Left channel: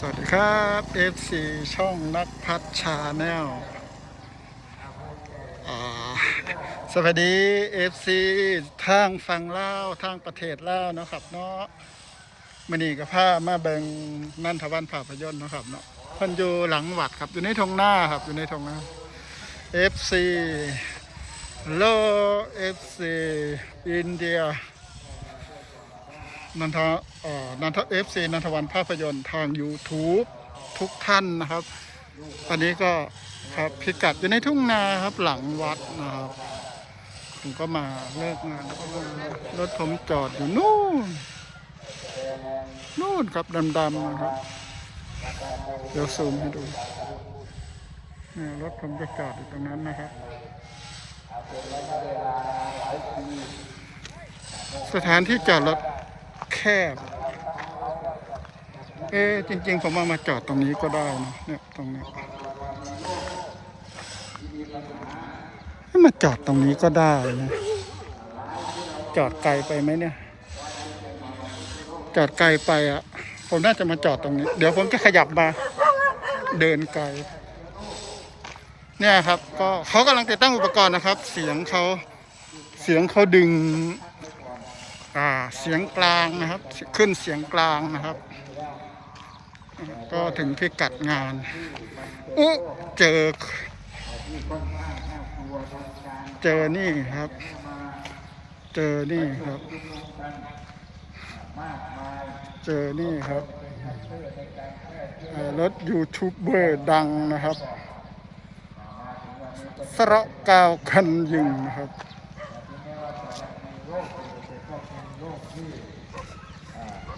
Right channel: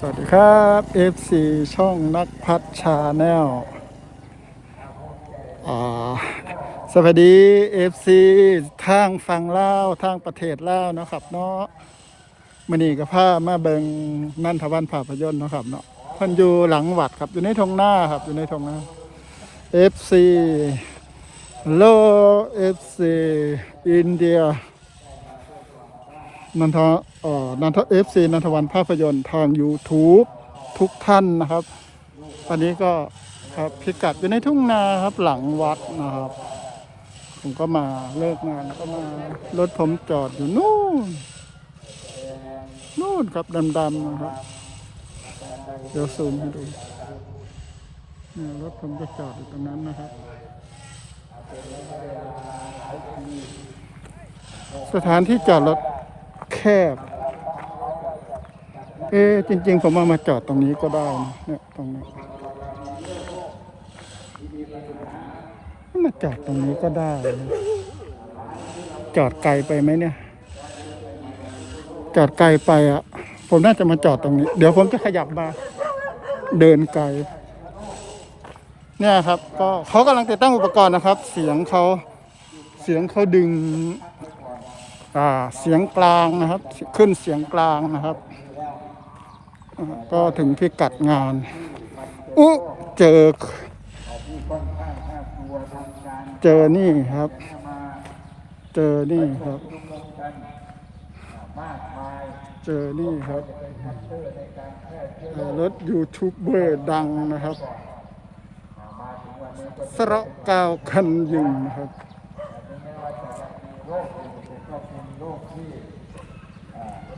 สวัสดีครับ FC ช่องนักพัฒชาแนลสวัสดี FC ทางฝั่งลาวทางประเทศลาวเนาะครับเนาะมันนี่กับผ้ามาเบิงนันทวันภาพยนตร์เนาะครับเนาะมันอยู่หลังวัดครับอยู่ในทงหน้าครับอยู่ในทงหน้า FC โล FC อินเดีย นันทเอ่อนันทเอฟซีนันทวันภาพยนตร์ทาง YouTube ทุกท่านนะครับ ตอนนี้ก็ครับพิกัดอยู่ในทุ่งนาครับหลังวัดนะครับ ผมก็มาเลิกงานก็มารถผมจอดอยู่นู่น นู่นครับดำๆนะครับ เดี๋ยวซูมให้ดูเนี่ยรถผมจะจอดอยู่ตรงนั้นนะครับ สถานที่จอดรถ แคบ เอ๊จริง ๆ ผมเอามาจอดตรงนี้ก็ได้นะเนี่ยตรงนี้ให้มาจอดตรงนี้ก็ได้นะจอดไกลไปไหมเนี่ย จอดไกลไปอะ ผมน่าจะมาจอดตรงนี้ เดี๋ยวผมก็ขยับมา เดินไกล เนี่ยครับ ก็เขากำลังติดตั้งอุปกรณ์นะครับ เสียงเขาเสียงเขาดึง เสียงกลางนะครับ ขึ้นเสียงกลางนะครับ ก็ถึงพิกัดงานอุเจอ เจอนี่ครับ เจอนี่ครับ เจอนี่ครับรถยูทูบเบอร์ดังนะครับ สระกาวคันยิงนะครับ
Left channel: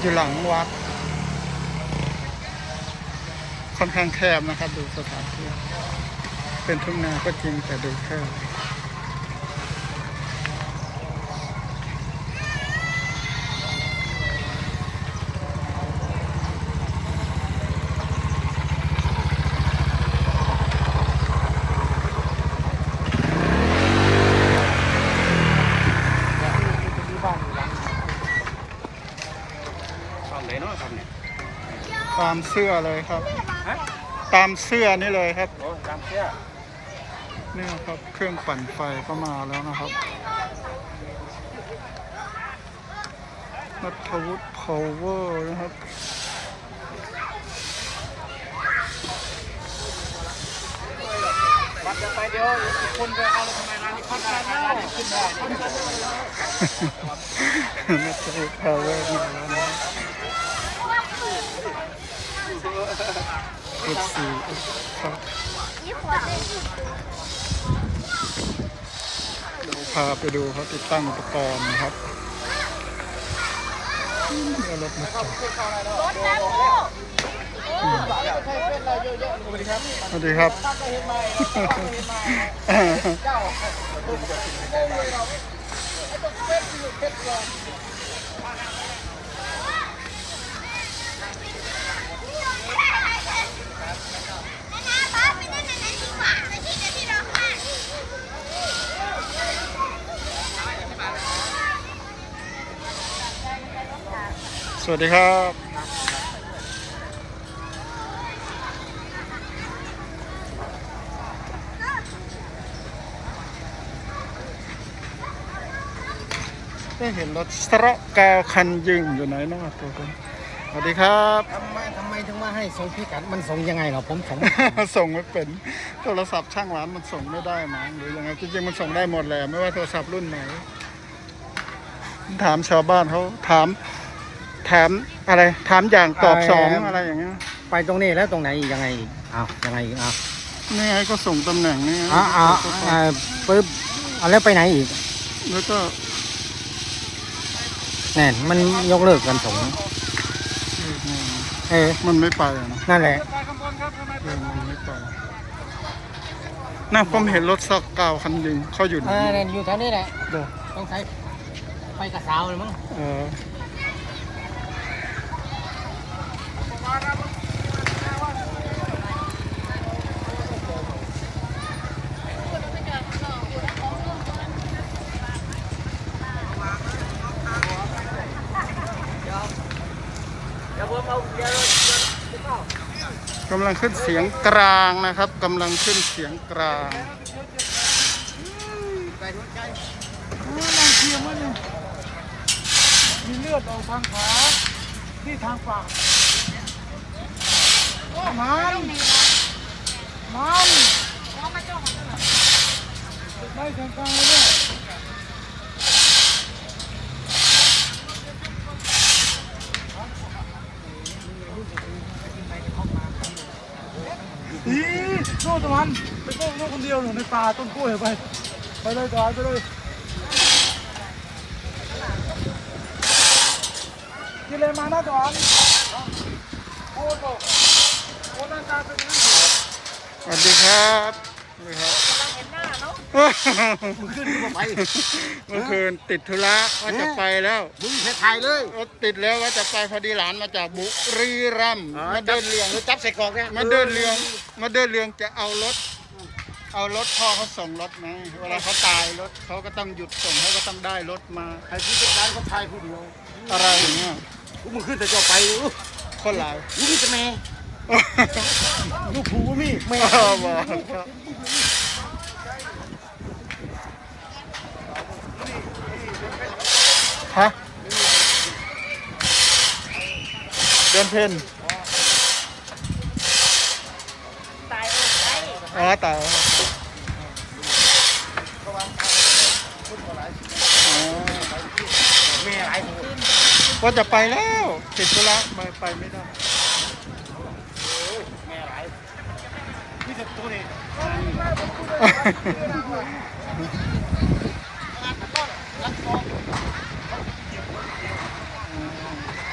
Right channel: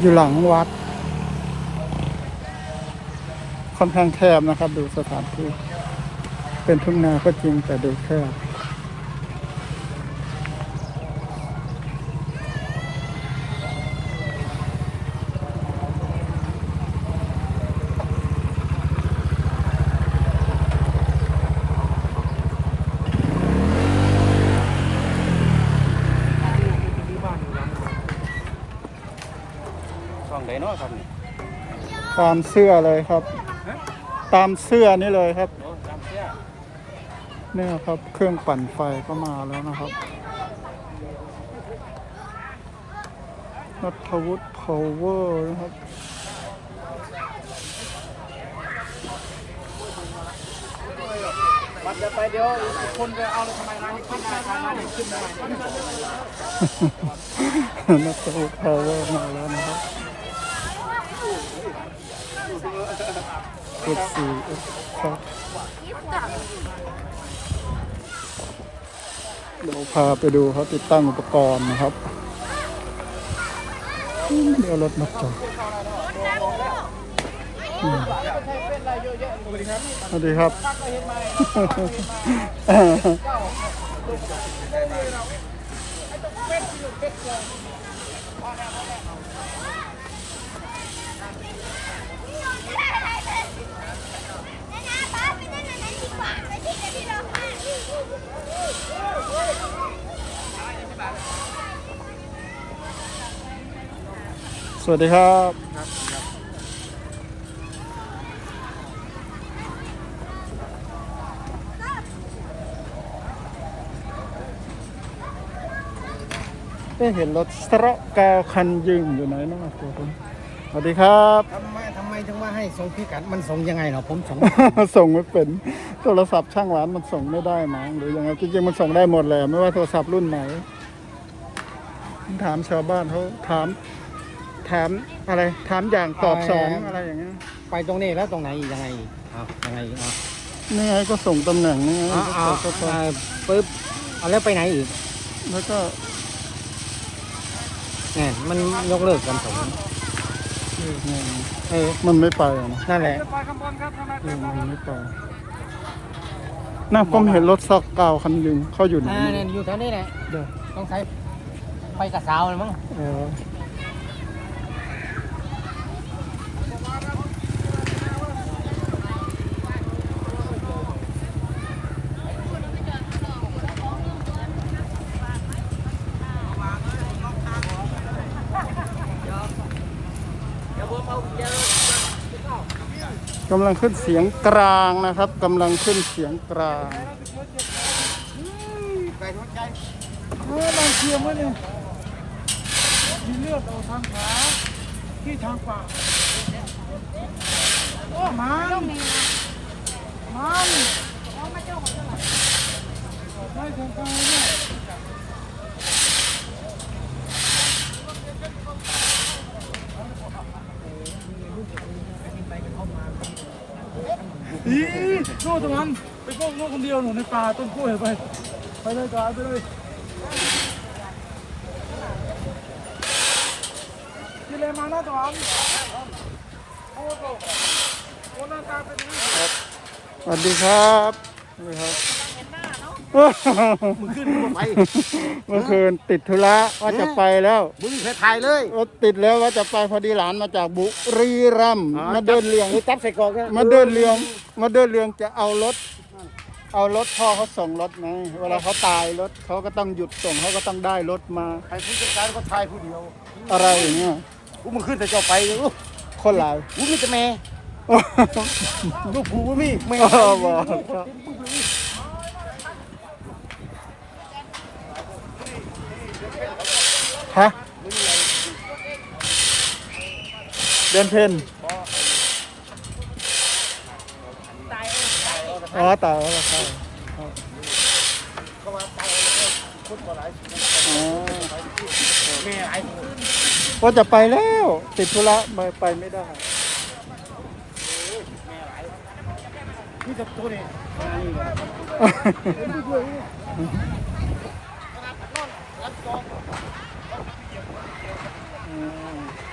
อยู่หลังวัด ค่อนข้างแคบนะครับ ดูสถานที่ เป็นทุ่งนาก็จริงแต่ดูแคบ ช่องไหนเนาะครับเนี่ย ตามเสื้อเลยครับฮะตามเสื้อนี่เลยครับโอ้ตามเชื่อเนี่ยครับเครื่องปั่นไฟก็มาแล้วนะครับนัทวุฒิพาวเวอร์นะครับวัดไปเดี๋ยวอีกคนไปเอาทำไมร้านนี้ขึ้นได้ร้านนี้ขึ้นได้นัทวุฒิพาวเวอร์มาแล้วนะครับ กดสี่ครับเดี๋ยวพาไปดูเขาติดตั้งอุปกรณ์นะครับอืมเดี๋ยวรถมาจอดอืมสวัสดีครับ สวัสดีครับ สวัสดีครับได้เห็นรถสระกาวคันยิงอยู่ไหนเนาะตัวคุณสวัสดีครับทำไมทำไมถึงว่าให้ส่งพิกัดมันส่งยังไงเหรอผมส่ง ส่งไม่เป็นโทรศัพท์ช่างหวานมันส่งไม่ได้มั้งหรือยังไงจริงๆมันส่งได้หมดเลย ไม่ว่าโทรศัพท์รุ่นไหน ถามชาวบ้านเขาถาม ถามอะไรถามอย่างตอบสองอะไรอย่างเงี้ยไปตรงนี้แล้วตรงไหนอีกยังไงอีกอ้าวยังไงอีกอ้าวนี่ไงก็ส่งตำแหน่งนี่ไงอ่าก็อ่ากดเข้าไปอ่าปึ๊บเอาแล้วไปไหนอีกแล้วก็แน่นมันยกเลิกกันสองเอองงเออมันไม่ไปอะเนาะนั่นแหละขึ้นไปข้างบนครับทำไมเออมันไม่ไปน่าผมเห็นรถซอกเก่าคันหนึงเขาอยู่ไหนเออไม่เนี่ยรู้อยู่แถวนี้แหละเดี๋ยวต้องใช้ไปกับสาวเลยมั้งเออ กำลังขึ้นเสียงกลางนะครับกำลังขึ้นเสียงกลางเออลองเคียร์ไว้หนึ่งมีเลือดออกทางขาที่ทางปากมันมันไม่ถึงตรงนี้เนี่ย อีโน่ตะวันไปโก้โน่คนเดียวหนูในป่าต้นกล้วยไป ไปเลยก่อนไปเลยกินเลยมาหน้าตะวันสวัสดีครับ สวัสดีครับ มึงขึ้นกูไปเมื่อคืนติดธุระว่าจะไปแล้วมึงเคยไทยเลยรถติดแล้วว่าจะไปพอดีหลานมาจากบุรีรัมย์มาเดินเลียงหรือจับใส่กรอกเนี่ยมาเดินเลียงมาเดินเลียงจะเอารถ เอารถพ่อเขาส่งรถไหมเวลาเขาตายรถเขาก็ต้องหยุดส่งเขาก็ต้องได้รถมาไอ้ผู้จัดการก็ไทยผู้เดียวอะไรอย่างเงี้ยกูมึงขึ้นแต่เจ้าไปเลยลูกคนหลายกูมีแต่แม่ลูกผูกูมีแม่อ๋อบอกครับ ฮะเดือนเพ็ญอ๋อตายแล้วครับก็ว่าตายเลยคนบ่หลายสิอ๋อแม่หลายคนว่าจะไปแล้ว ติดธุระไม่ไปไม่ได้มีแต่ตัวนี้งานนี้เลยครับ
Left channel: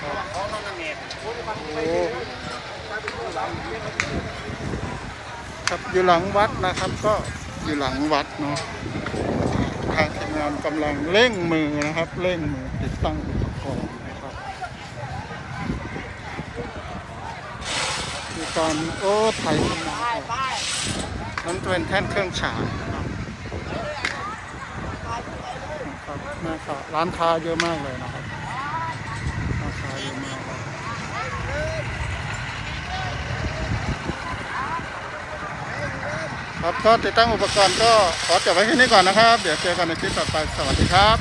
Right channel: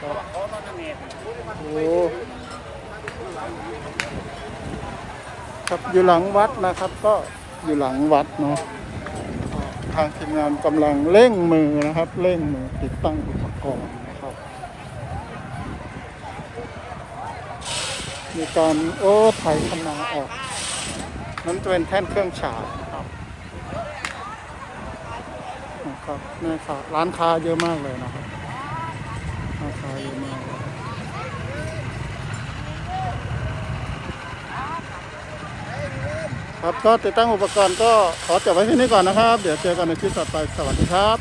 ขอตอนนั้นแม่โอ้ครับอยู่หลังวัดนะครับ ก็อยู่หลังวัดเนาะทางทีมงานกำลังเร่งมือนะครับเร่งมือติดตั้งอุปกรณ์นะครับ มีการโอ้ไถคนาออกนั้นเป็นแท่นเครื่องฉายนะ ครับแม่ค้าร้านค้าเยอะมากเลยนะครับร้านค้าเยอะมากเลยครับก็ติดตั้งอุปกรณ์ก็ขอจบไว้ที่นี้ก่อนนะครับ เดี๋ยวเจอกันในคลิปต่อไปสวัสดีครับ